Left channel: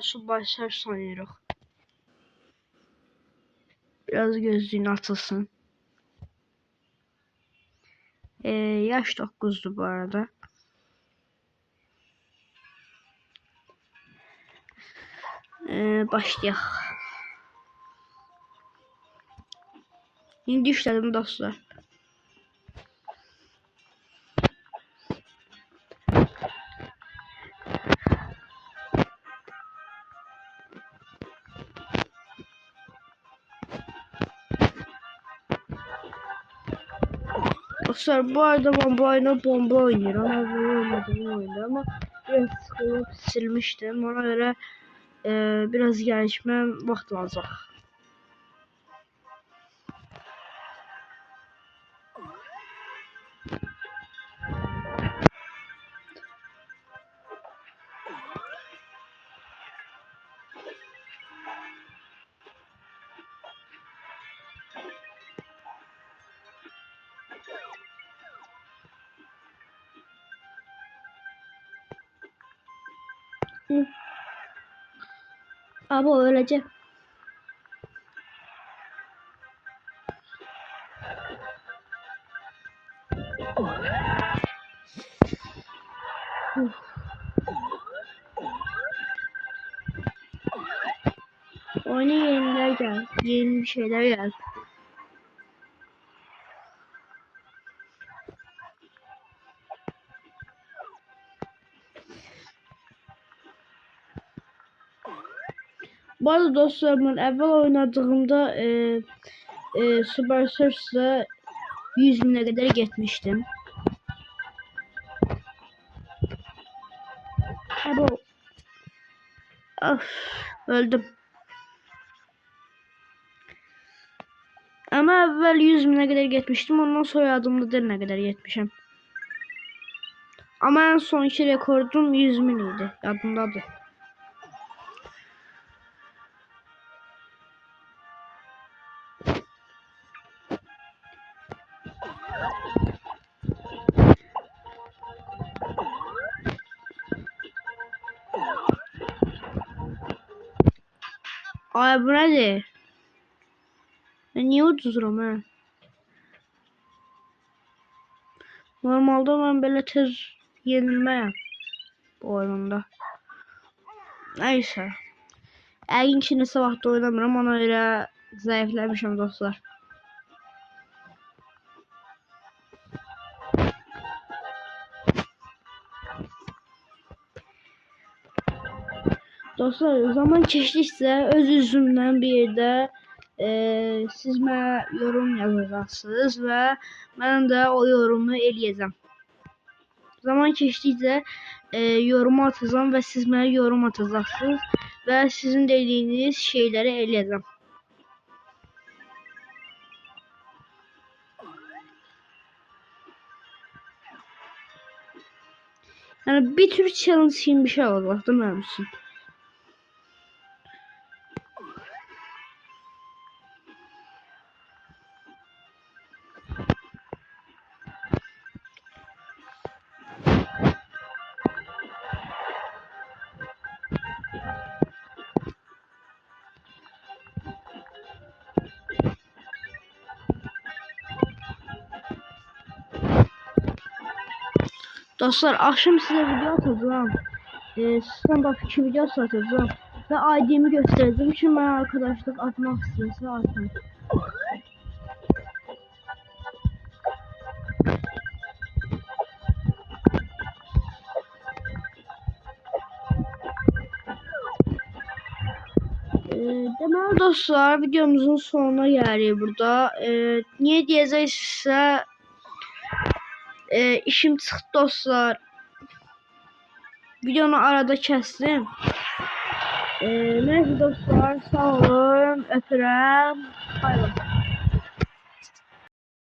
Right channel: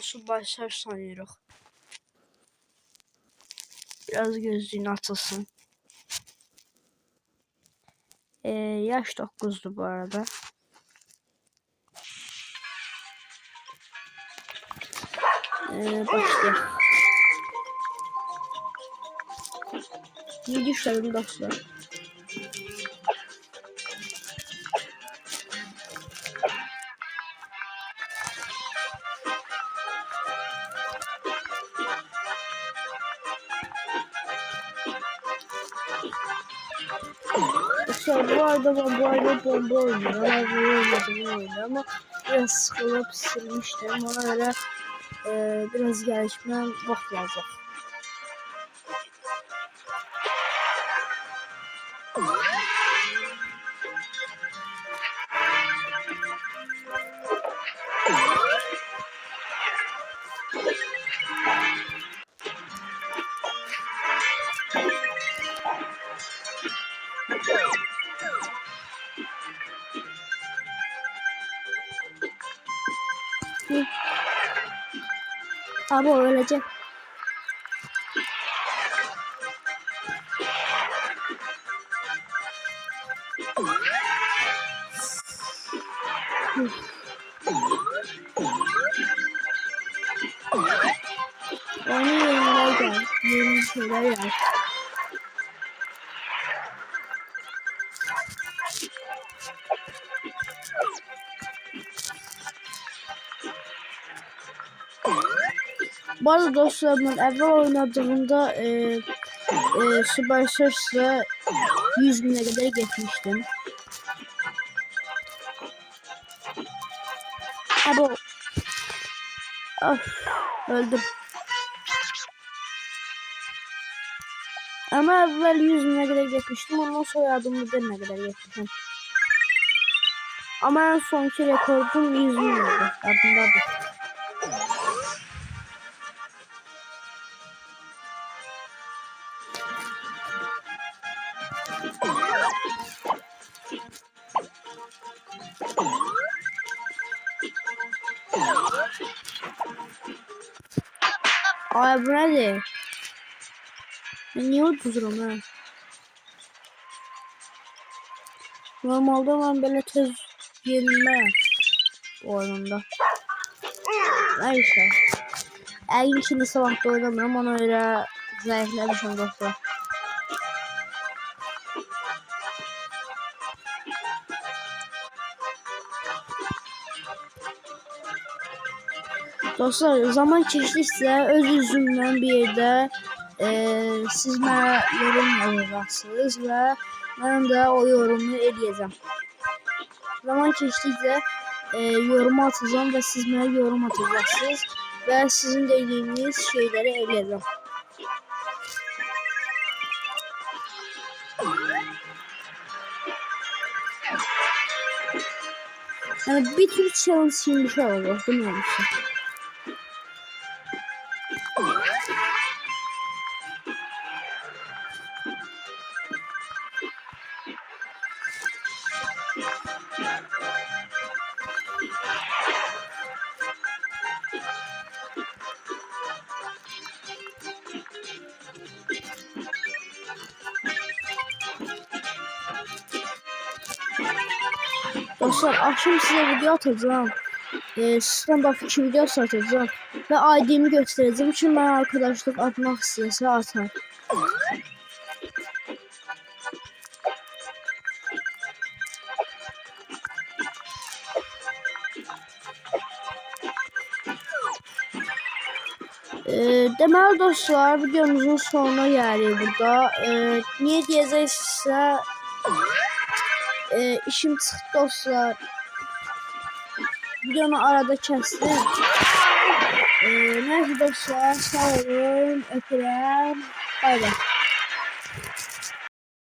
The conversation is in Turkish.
Su başlar sanıyoruz. Biraz gözlüğünü açılsın. Yaş 9'du bu arada. Başlayalım. İyi düşlerim dostlar. Bu arada bombayla bomba oynuyor. Oynuyor ama biraz sıkılıp silmiştim. Ona göre biraz gelişme vaxt lazım. Abi öleceğim. Onu yeniler gel. Yeni şeyler gel. Bu arada dostlar ben evvel oynadığımda Super Search'le 100.000'e kadar gitmiştim. Abo. Of, öldüm. Ama evvel 100.000'e kadar gitmiştim. Ondan sonra adımda ne kadar gitmişim. Ama en sonki rekordum 100.000'di. Adımdadır. Ay bu nedir? Ben niye uduzurum ha? Normalde ben böyle tez yenilmem bu oyunda. Neyse. Əyin içində sabahda oynamıram, ona görə zəifləmişim dostlar. Dostlar, zaman keçdikcə öz üzümdən bir yerdə siz mənə yorum yazacaqsınız və mən də o yorumu eləyəcəm. Zaman keçdikcə yorumu atacağım və siz mənə yorum atacaqsınız və sizin dediyiniz şeyləri eləyəcəm. Yəni bir tür challenge kimi bir şey var, baxdım mənim üçün. Dostlar, akşam size video atacağım. Stand-up 2 videosu atacağım. Ve ID'mi göstereceğim. Çünkü ben arkadaşlık atmak istiyorsa atar. Deməli dostlar, videomuzun sonuna gəldik burada. Niye diyəcəksə işim çıxdı dostlar. Videonu arada kəsdim. Neyse dostlar, sağ olun, öpürəm. Bay bay.